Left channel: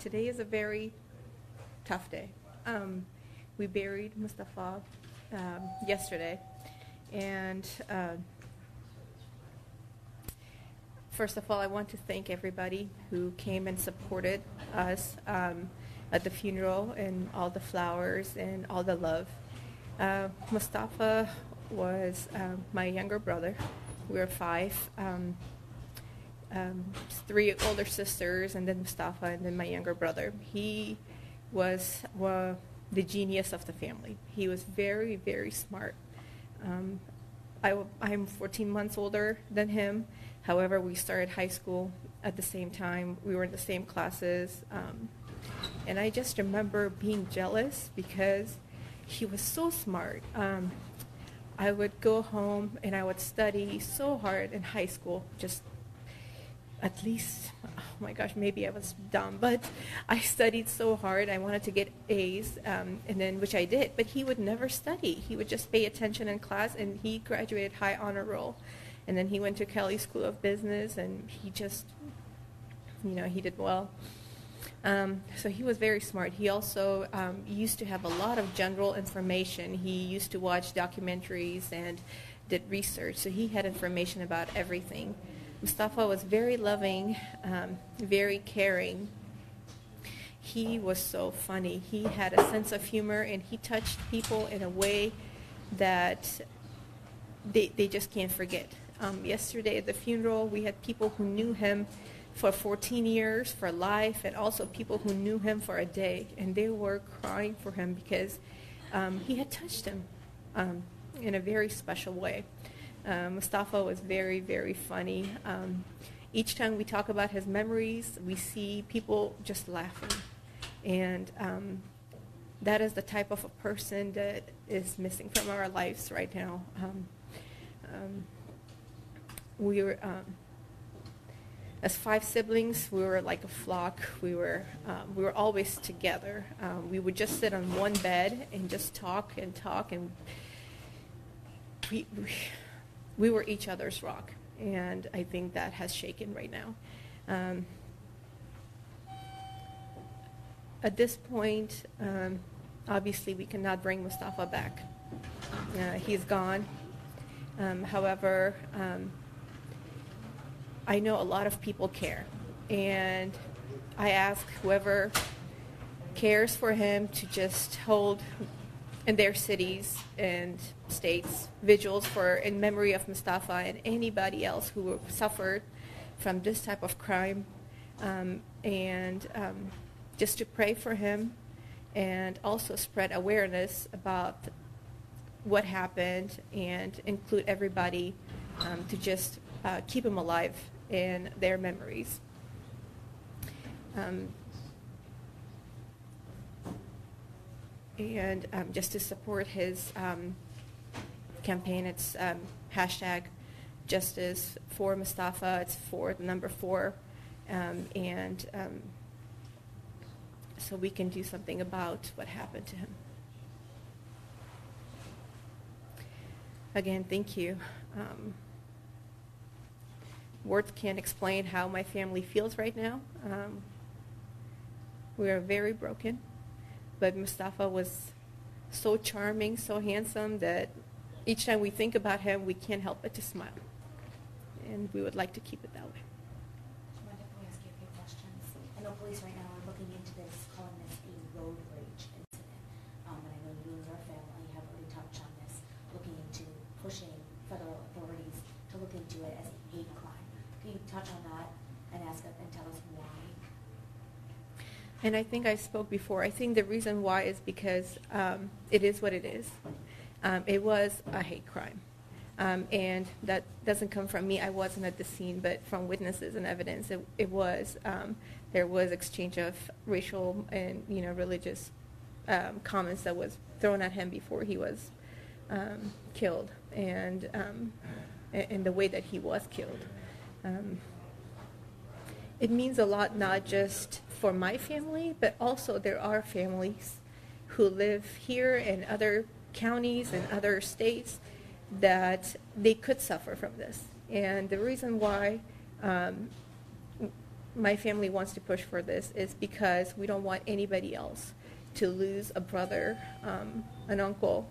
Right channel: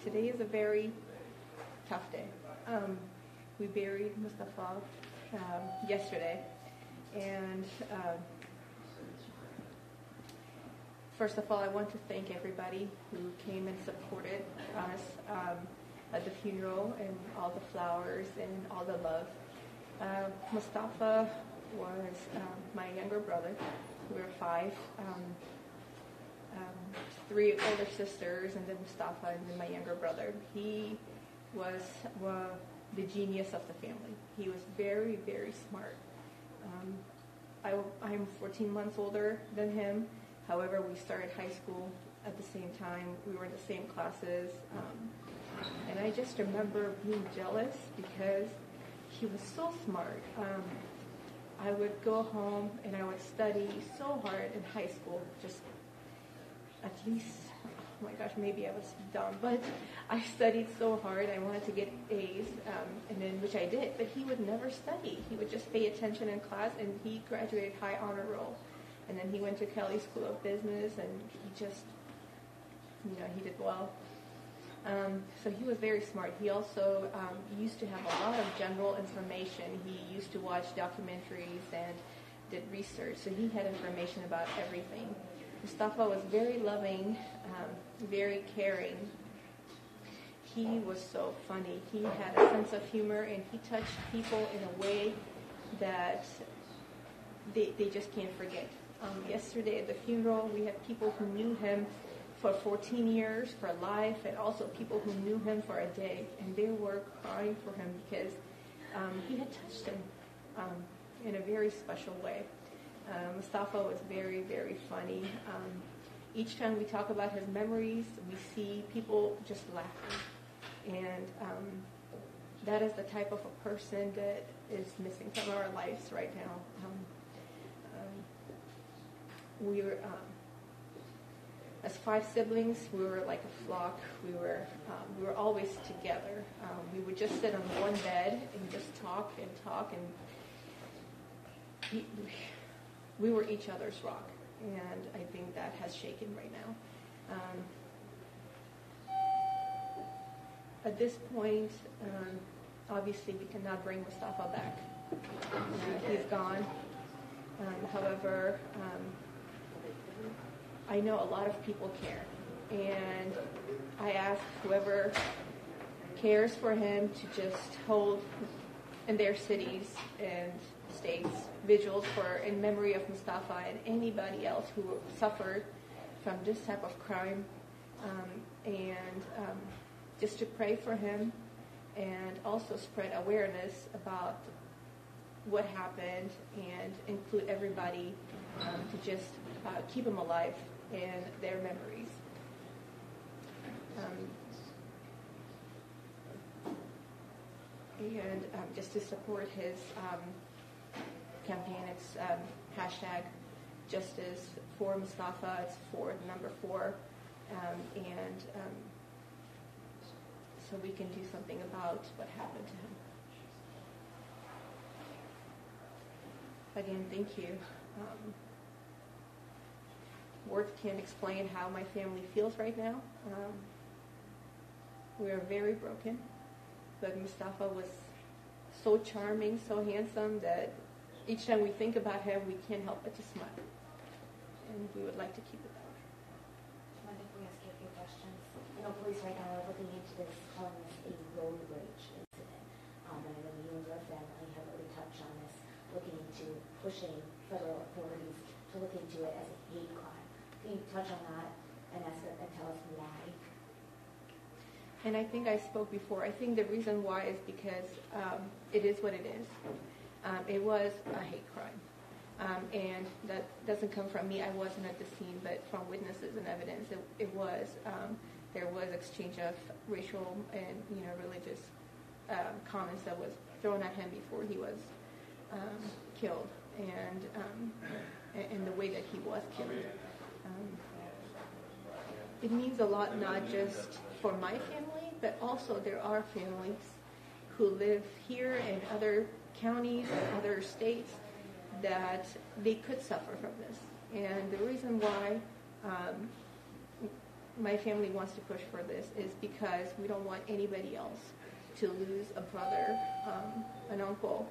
Today is a very tough day. We buried Mustafa yesterday, and first of all, I want to thank everybody who came and supported us at the funeral, and all the flowers and all the love. Mustafa was my younger brother. We were five. Three older sisters, and then Mustafa, and then my younger brother. He was the genius of the family. He was very, very smart. I'm 14 months older than him. However, we started high school at the same time. We were in the same classes. And I just remember being jealous because he was so smart. I would go home and I would study so hard in high school, just at least, oh my gosh, maybe I was dumb, but I studied so hard. I wanted to get A's, and then which I did, but he would never study. He would just pay attention in class, and he graduated high honor roll. And then he went to Kelly School of Business, and he just, he did well. So he was very smart. He also used to have a lot of general information. He used to watch documentaries and did research, so he had information about everything. Mustafa was very loving, very caring. He was so funny. He had a sense of humor, and he touched people in a way that they just can't forget. Yesterday at the funeral, we had people who knew him for 14 years, for life, and also people who knew him for a day, and they were crying for him because he had touched them in a very special way. Mustafa was very, very funny. Each time we talk about his memories, we see people just laughing. And that is the type of a person that is missing from our lives right now. We were, as five siblings, we were like a flock. We were always together. We would just sit on one bed and just talk, and we were each other's rock, and I think that has shaken right now. At this point, obviously we cannot bring Mustafa back. He's gone. However, I know a lot of people care, and I ask whoever cares for him to just hold in their cities and states vigils in memory of Mustafa and anybody else who suffered from this type of crime, and just to pray for him, and also spread awareness about what happened, and include everybody to just keep him alive in their memories. And just to support his campaign, it's hashtag Justice for Mustafa. It's for the number 4, and so we can do something about what happened to him. Again, thank you. Words can't explain how my family feels right now. We are very broken, but Mustafa was so charming, so handsome, that each time we think about him, we can't help but to smile. And we would like to keep it that way. Mind if we ask you a few questions? I know police right now are looking into this, calling this a road rage incident. And I know you and your family have really touched on this, looking into pushing federal authorities to look into it as a hate crime. Can you touch on that and tell us why? And I think I spoke before. I think the reason why is because it is what it is. It was a hate crime. And that doesn't come from me. I wasn't at the scene, but from witnesses and evidence, it was. There was exchange of racial and religious comments that was thrown at him before he was killed, and the way that he was killed. It means a lot, not just for my family, but also there are families who live here in other counties and other states that they could suffer from this. And the reason why my family wants to push for this is because we don't want anybody else to lose a brother, an uncle,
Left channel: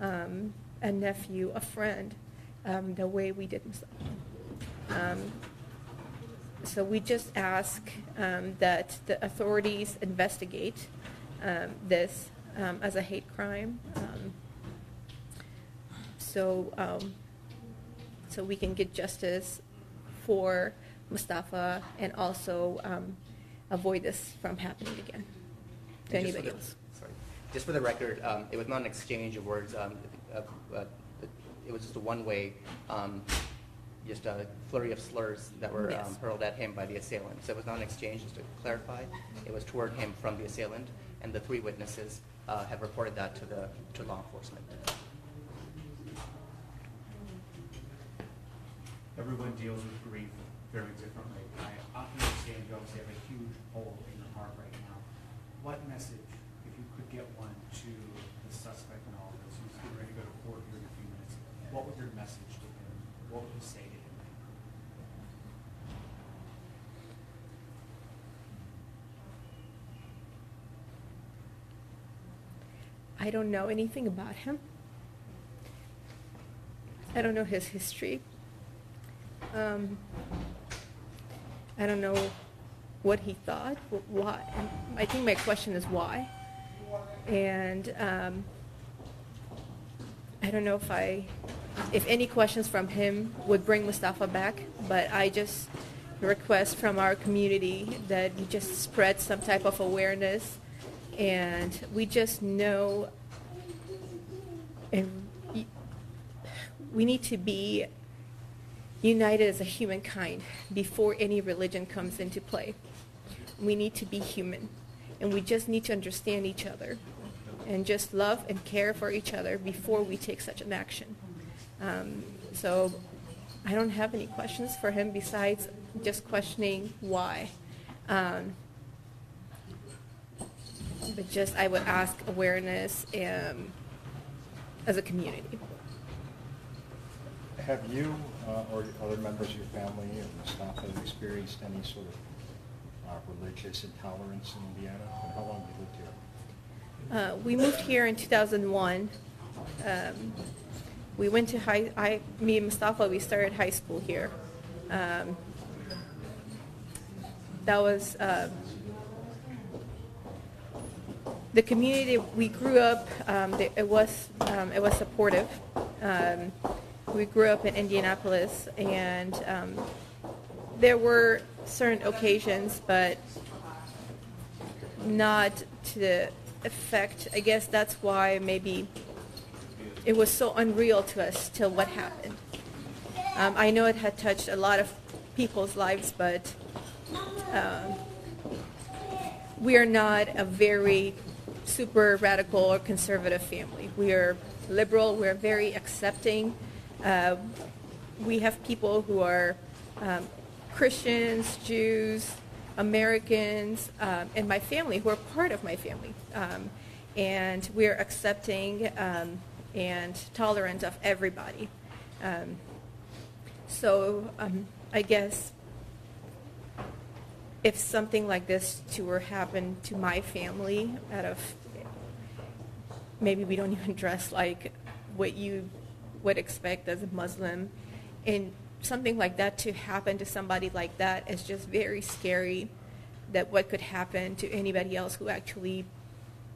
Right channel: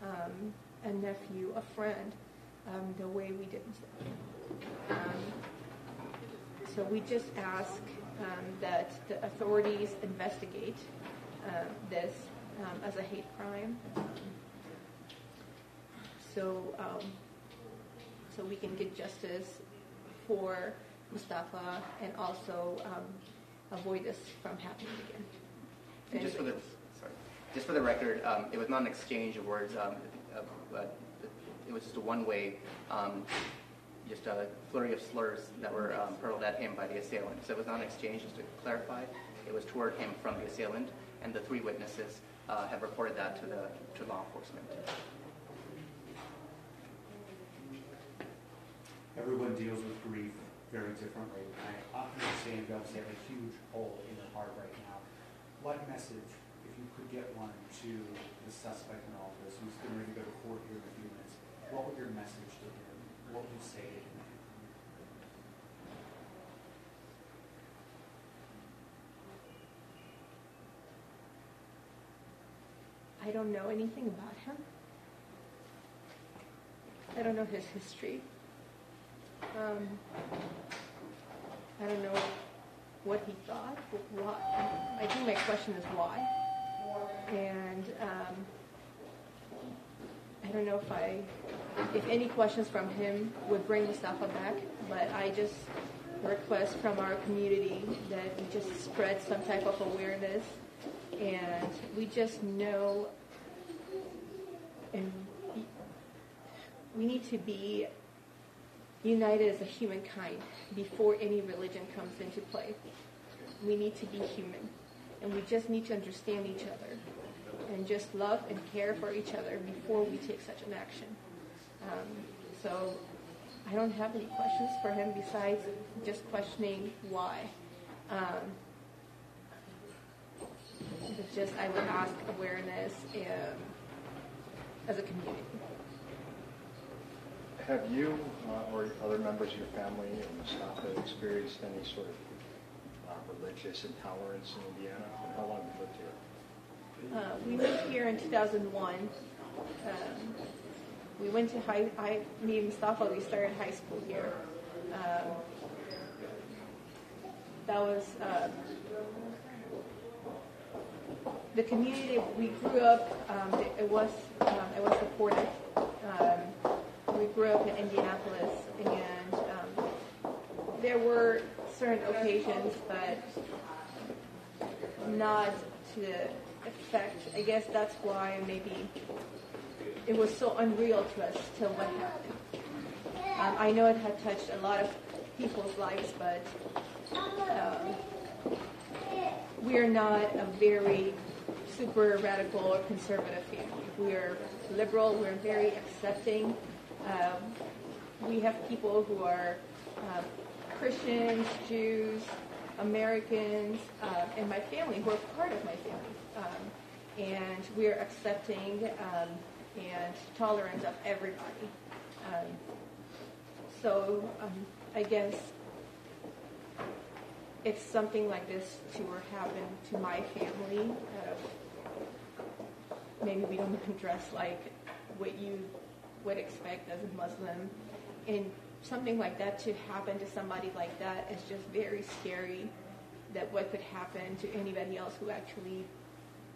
a nephew, a friend, the way we did. So we just ask that the authorities investigate this as a hate crime, so we can get justice for Mustafa and also avoid this from happening again to anybody else. Sorry. Just for the record, it was not an exchange of words, but it was just a one-way, just a flurry of slurs that were hurled at him by the assailant. So it was not an exchange, just to clarify. It was toward him from the assailant, and the 3 witnesses have reported that to law enforcement. Everyone deals with grief very differently. I understand you obviously have a huge hole in your heart right now. What message, if you could get one, to the suspect in all this, who's getting ready to go to court here in a few minutes, what would your message to him? What would you say to him? I don't know anything about him. I don't know his history. I don't know what he thought. Why? I think my question is why. And I don't know if any questions from him would bring Mustafa back, but I just request from our community that we just spread some type of awareness, and we just know, and we need to be united as a humankind before any religion comes into play. We need to be human, and we just need to understand each other and just love and care for each other before we take such an action. So I don't have any questions for him besides just questioning why. But just I would ask awareness as a community. Have you or other members of your family or Mustafa experienced any sort of religious intolerance in Indiana? And how long have you lived here? We moved here in 2001. We went to me and Mustafa, we started high school here. That was the community we grew up. It was supportive. We grew up in Indianapolis, and there were certain occasions, but not to the effect. I guess that's why maybe it was so unreal to us till what happened. I know it had touched a lot of people's lives, but we are not a very super radical or conservative family. We are liberal. We're very accepting. We have people who are Christians, Jews, Americans, and my family who are part of my family. And we're accepting and tolerant of everybody. So I guess if something like this were happen to my family, maybe we don't even dress like what you would expect as a Muslim, and something like that to happen to somebody like that is just very scary, that what could happen to anybody else who actually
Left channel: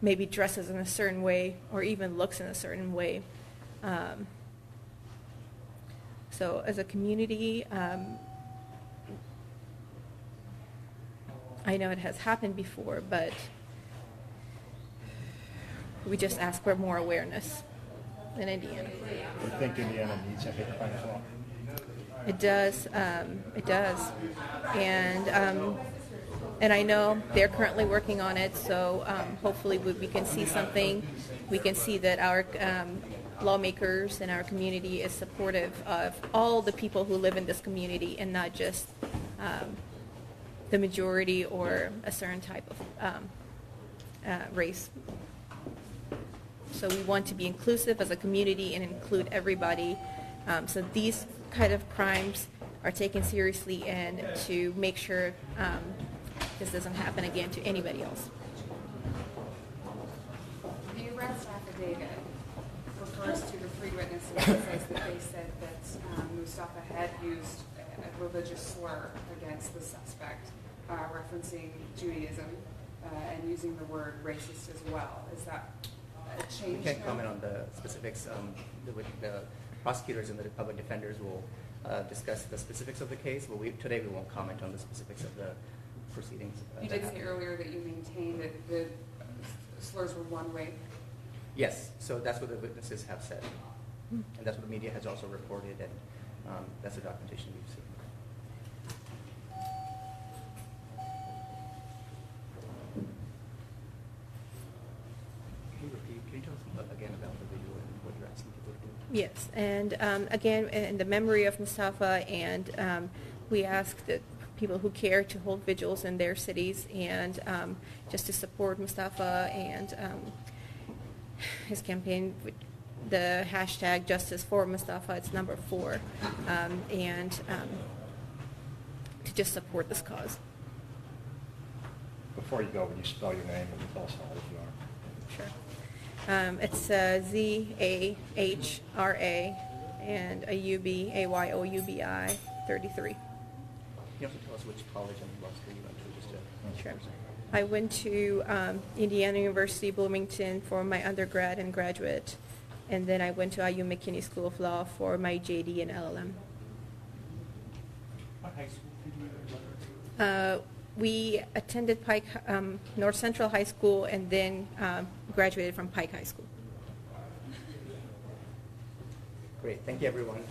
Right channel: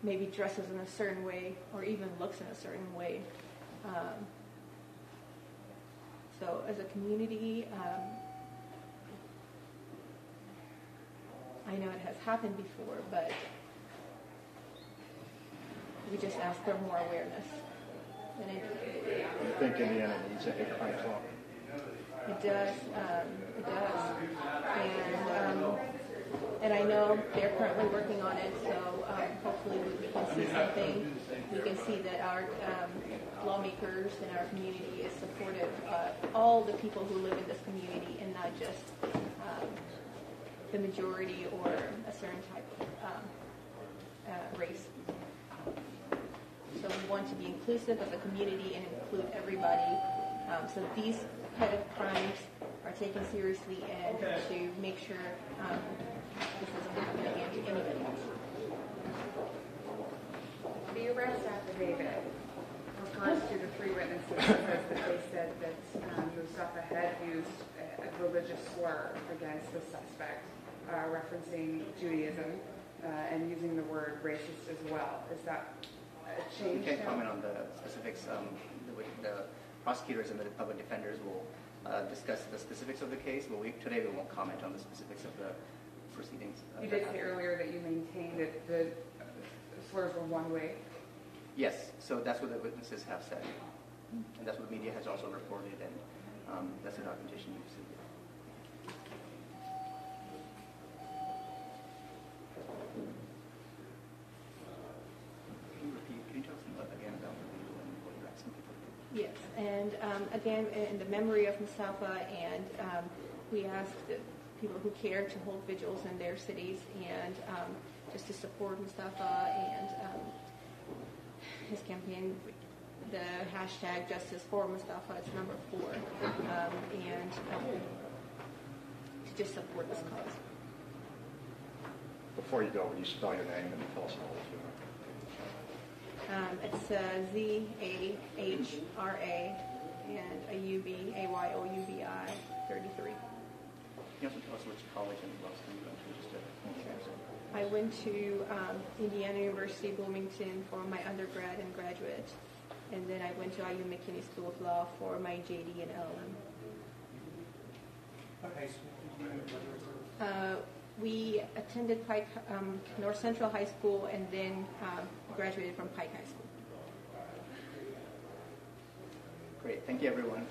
maybe dresses in a certain way or even looks in a certain way. So as a community, I know it has happened before, but we just ask for more awareness in Indiana. I think Indiana needs a hate crime law. It does. It does. And I know they're currently working on it, so hopefully we can see something. We can see that our lawmakers in our community is supportive of all the people who live in this community and not just the majority or a certain type of race. So we want to be inclusive as a community and include everybody. So these kind of crimes are taken seriously and to make sure this doesn't happen again to anybody else. The arrest affidavit refers to the three witnesses and says that they said that Mustafa had used a religious slur against the suspect, referencing Judaism and using the word racist as well. Is that a change? We can't comment on the specifics. The prosecutors and the public defenders will discuss the specifics of the case, but today we won't comment on the specifics of the proceedings. You did say earlier that you maintained that the slurs were one way. Yes, so that's what the witnesses have said. And that's what the media has also reported, and that's the documentation we've seen. Can you talk again about the video and what you're asking people to do? Yes, and again, in the memory of Mustafa, and we ask that people who care to hold vigils in their cities and just to support Mustafa and his campaign. The hashtag Justice for Mustafa, it's number 4, and to just support this cause. Before you go, will you spell your name and tell us how old you are? Sure. It's Z-A-H-R-A and a U-B-A-Y-O-U-B-I 33. You have to tell us which college and university you went to, just to Sure. I went to Indiana University, Bloomington for my undergrad and graduate, and then I went to IU McKinney School of Law for my JD and LLM. What high school did you go to? We attended Pike North Central High School and then graduated from Pike High School. Great. Thank you, everyone.